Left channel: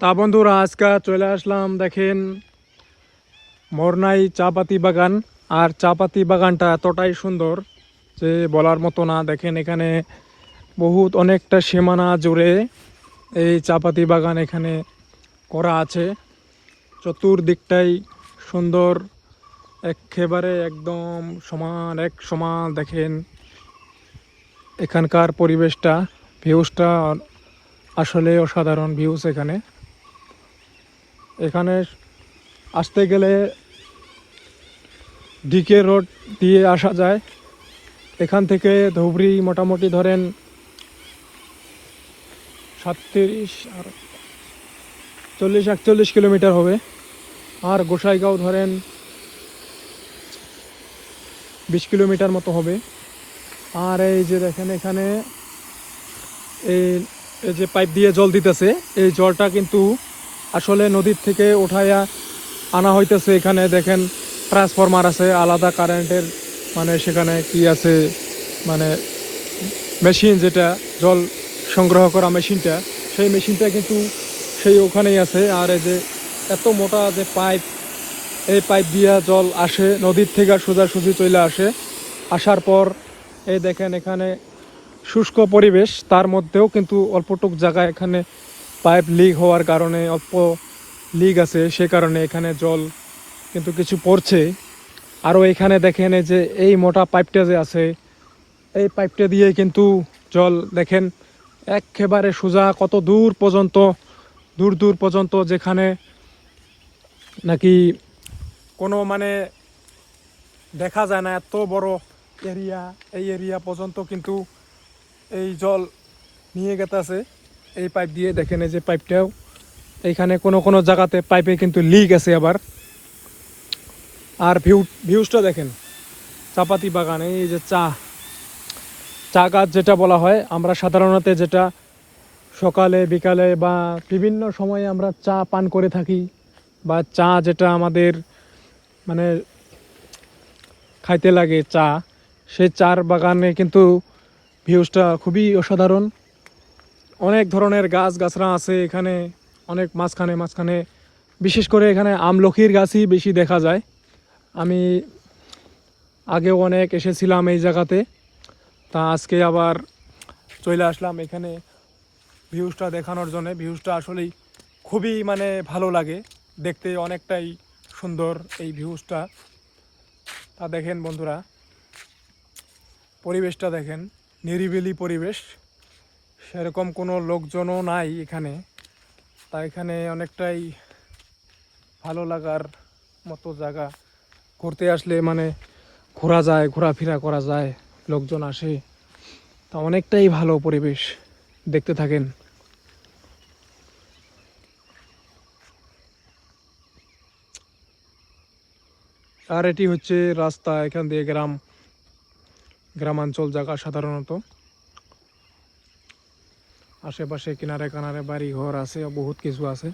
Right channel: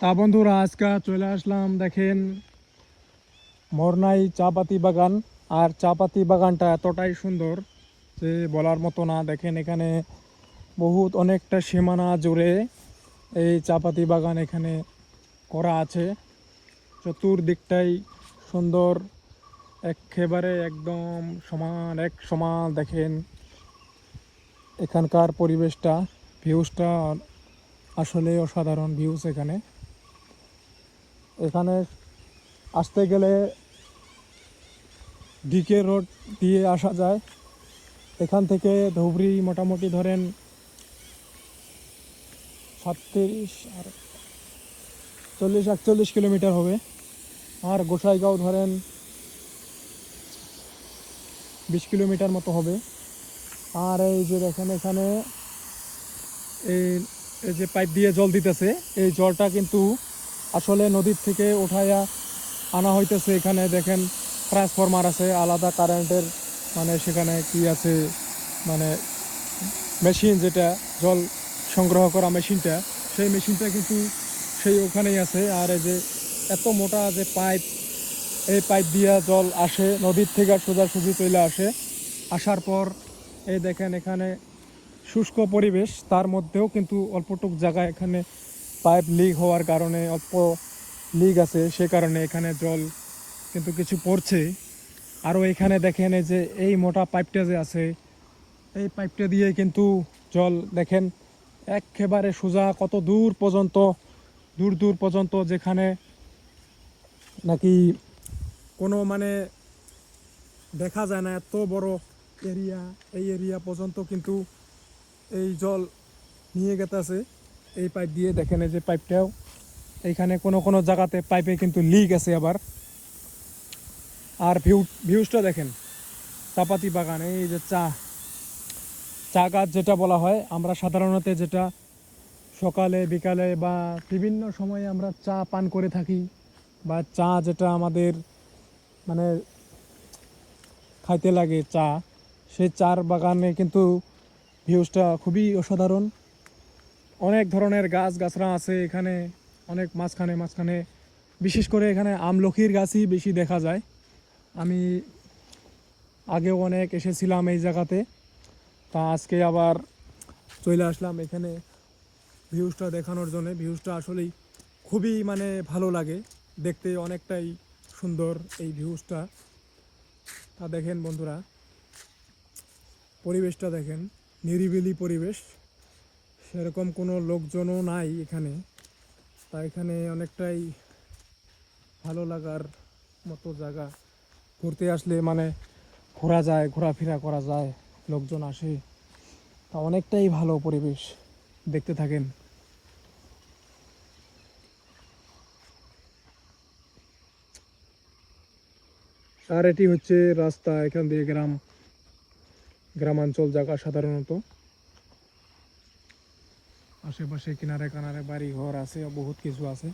তা বন্ধুরা, আজকে চলে আসলাম, দেখেন, মোরনাই চাপাতি বাগান। আর চাপাতি বাগানটা এতটাই সুন্দর যে বলার মতো না। দেখেন, এখানে বহুত অনেকটা সীমানা জুড়ে এই চাপাতি বাগান এখানে করা আছে। চতুর্দিকটাই সুন্দর, একেবারে একদম সমান, এক সমান, দেখেন, এখানকার পরিবেশটা, ভিউজটা আসলে অসাধারণ ভিউজ এখানে। এখানে আসতে গেলে ডিকে রোড দিয়ে আসা যায়। এখান থেকে ধুবড়ি মোটামুটি ধরেন সাতত্রিশ আর চল্লিশ, একচল্লিশ কিলোমিটার হবে। আর গোসাইগাঁও ধরেন বিশ কিলোমিটার মতো হবে। আর এই যে দেখেন এখানে এই যে পাইপ দিয়ে জল দিতেছে, এই জলটা কিন্তু আসলে নদীর থেকে উঠাইয়া আনা হইতেছে এখানে, দেখেন ট্রান্সফরমার আছে, আলাদা কারেন্টের মানে সেখানে কি আছে মানে মেশিন যেটা, জল সংগ্রহ করা মেশিনটা সেই মেশিনটা কিন্তু সেই ওখানেই আছে। আর এই যে এত মোটা যে পাইপ, এই পাইপ দিয়া জল আসে, নদীর থেকে সোজাসুজি চলে আসে, আসার পর এই দেখেন এখানে শুষ্ক পরিবেশ, তার মধ্যেও কিন্তু অল্পটুক জায়গা এখানে পাইপ লিক হওয়ার কারণে অল্প লিক আছে, সে কারণে এখানে জল কিন্তু কিছু পড়ছে। আরও এখানে দেখেন এই যে এই মোটা পাইপটা যে আছে, এই পাইপটা দিয়ে কিন্তু জল দেখেন একেবারে সোজা কত দূর পর্যন্ত, দূর দূর পর্যন্ত যেখানে নাকি কোনো মানে দেখা যায় না, এত বড় এরিয়া এই এরিয়া পর্যন্ত কিন্তু এই জল নিয়ে গেতেছে। এই পাইপ দিয়ে দেখেন এই যে পাইপটাও। এইখানে কোনো কোনো জায়গাতে পাইপে কিন্তু লিক আছে আবার। আর ভিউ ভিউজটা দেখেন, চাপাতি বাগান, এই যে চা চা গাছ যেটা বলা হয়, আমরা সাধারণত যেটা সকালে, বিকালে বা বিভিন্ন সময়ে আমরা চা পান করে থাকি বা চা যেটা আমাদের মানে খাইতে লাগে চা, সেই চার বাগানে কিন্তু ভিউজটা খুবই অসাধারণ। অনেক ধরনের গাছ গাছরা আছে এখানে, অনেক মাঝখানে মাঝখানে। বিশেষ করে এখানে আমলখির গাছই বেশি দেখা যায়। আমি আগেও অনেক এসেছিলাম এই জায়গাতে, তা আজকে আবার চলে আসলাম এখানে ভিউজটা দেখানোর জন্য। ভিউজটা আসলেই খুবই মানে ভালো লাগে, দেখতে অনেকটাই সুন্দর এই ভিউজটা। তা দেখেন বন্ধুরা, পরিবেশটা দেখেন, নিরিবিলি পরিবেশ। সেরকম কোনো লোকজনও নাই এখানে। তা এখানে অনেকটাই ভালো লাগার মতো জায়গা। ঘুরতে আসলে মানে ঘোরা যায়, ঘোরাফেরা করা যায়, লোকজন আসে। তা অনেকটাই ভালো পরিবেশ দেখতে থাকেন। আর এটি হচ্ছে রাস্তা, এখান দিয়ে গ্রাম, গ্রামাঞ্চল জায়গা সাধারণত। আশেপাশে কিনারে কানারে বাড়ি ঘর আছে বহুত কিছু আছে।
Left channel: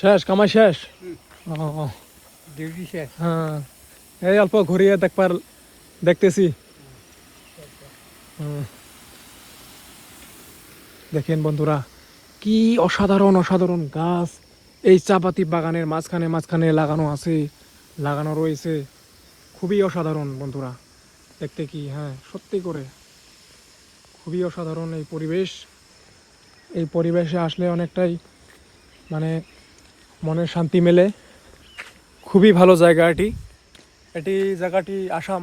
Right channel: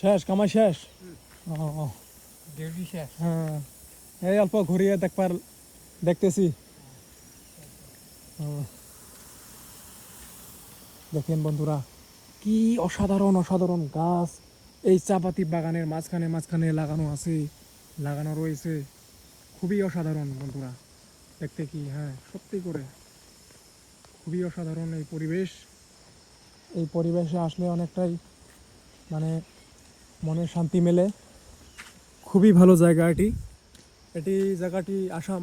শেষ কামাই শেষ? ডিউটি শেষ। হ্যাঁ। এই অল্প ঘুরিয়ে দেখবার দেখতেছি। দেখেন বন্ধুরা কি অসাধারণ অসাধারণ গাছ। এই চাপাতি বাগানের মাঝখানে মাঝখানে লাগানো আছে লাগানো রয়েছে। খুবই অসাধারণ বন্ধুরা। দেখতে কি হ্যাঁ সত্যি করে। খুবই অসাধারণ এই পরিবেশ। এই পরিবেশে আসলে অনেকটাই মানে মনে শান্তি মেলে। খুবই ভালো জায়গা এটি। এটি জায়গাটি আসাম,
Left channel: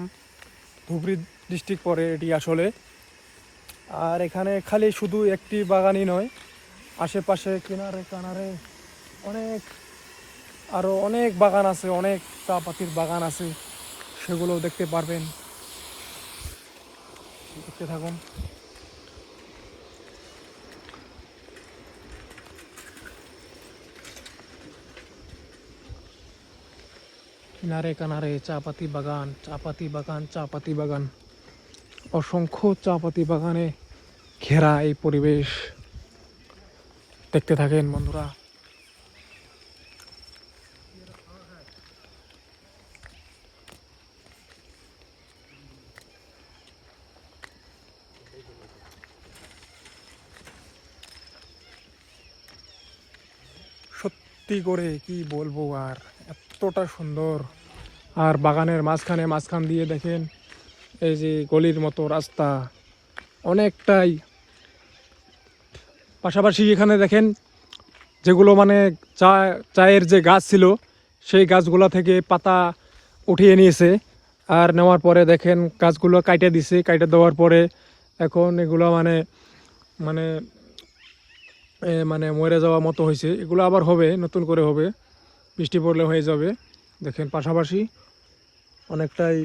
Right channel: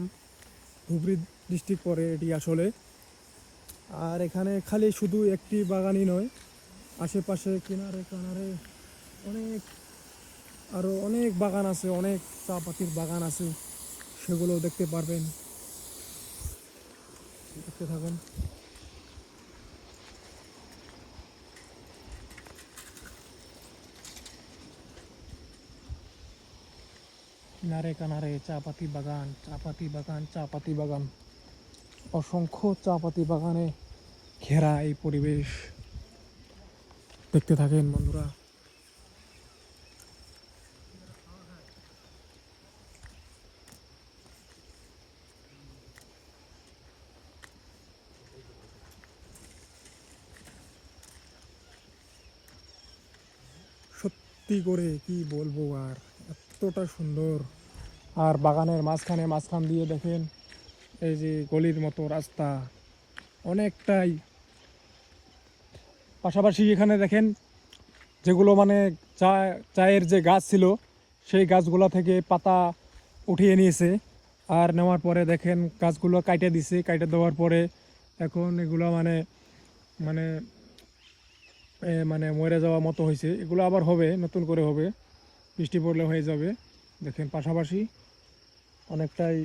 ধুবড়ি ডিস্ট্রিক্ট পড়ে এটি আসলে। আর এখানে খালি শুধু একটি বাগানই নয়, আশেপাশে কিনারে কানারে অনেক আরও অনেক বাগান আছে, অনেক চা পাতির বাগান আছে। সেগুলো দেখতে পারবেন। দেখতে থাকুন। কিনারে কানারে চা পাতি বাগান চা পাতি বাগান চা পাতি বাগান। অসংখ্য চা পাতি বাগানে ঘেরা এই পরিবেশ। দেখতে থাকেন বন্ধুরা। ভর্তি করে কি বলব আর? এতটা সুন্দর। আর বাগানের মাঝখানে মাঝখান দিয়ে দেখেন, এই যে গলির মতো রাস্তা। অনেকটাই পাশাপাশি এখানে দেখেন, যেগুলো মানে চা, চায়ের যে গাছ ছিল, সেই গাছগুলো থেকে পাতা উঠিয়ে নিয়েছে। আর নেওয়ার পরে দেখেন, গাছগুলো কাইটে দিছে। কাইটে দেওয়ার পরে এখন এগুলো মানে মানে মানে মরে যাওয়া মতো হয়েছে। এগুলো আবার হবে, নতুন করে হবে। বৃষ্টি পড়লে হয়ে যাবে। দেখেন পাশাপাশি অনেকটাই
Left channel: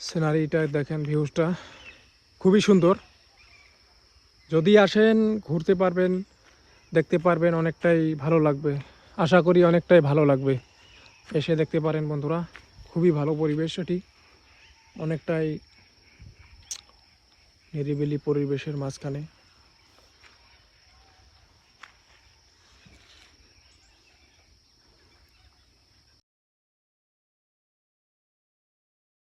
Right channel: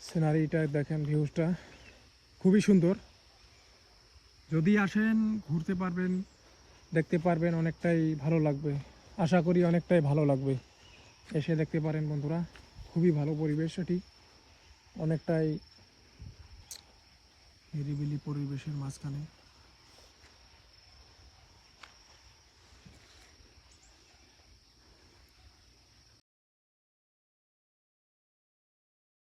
সিনারিটা দেখেন ভিউজটা খুবই সুন্দর। যদি আসেন, ঘুরতে পারবেন, দেখতে পারবেন, অনেকটাই ভালো লাগবে। আশা করি অনেকটাই ভালো লাগবে। এসে দেখতে পারেন বন্ধুরা, খুবই ভালো পরিবেশ এটি। অনেকটাই নিরিবিলি পরিবেশের মাঝখানে।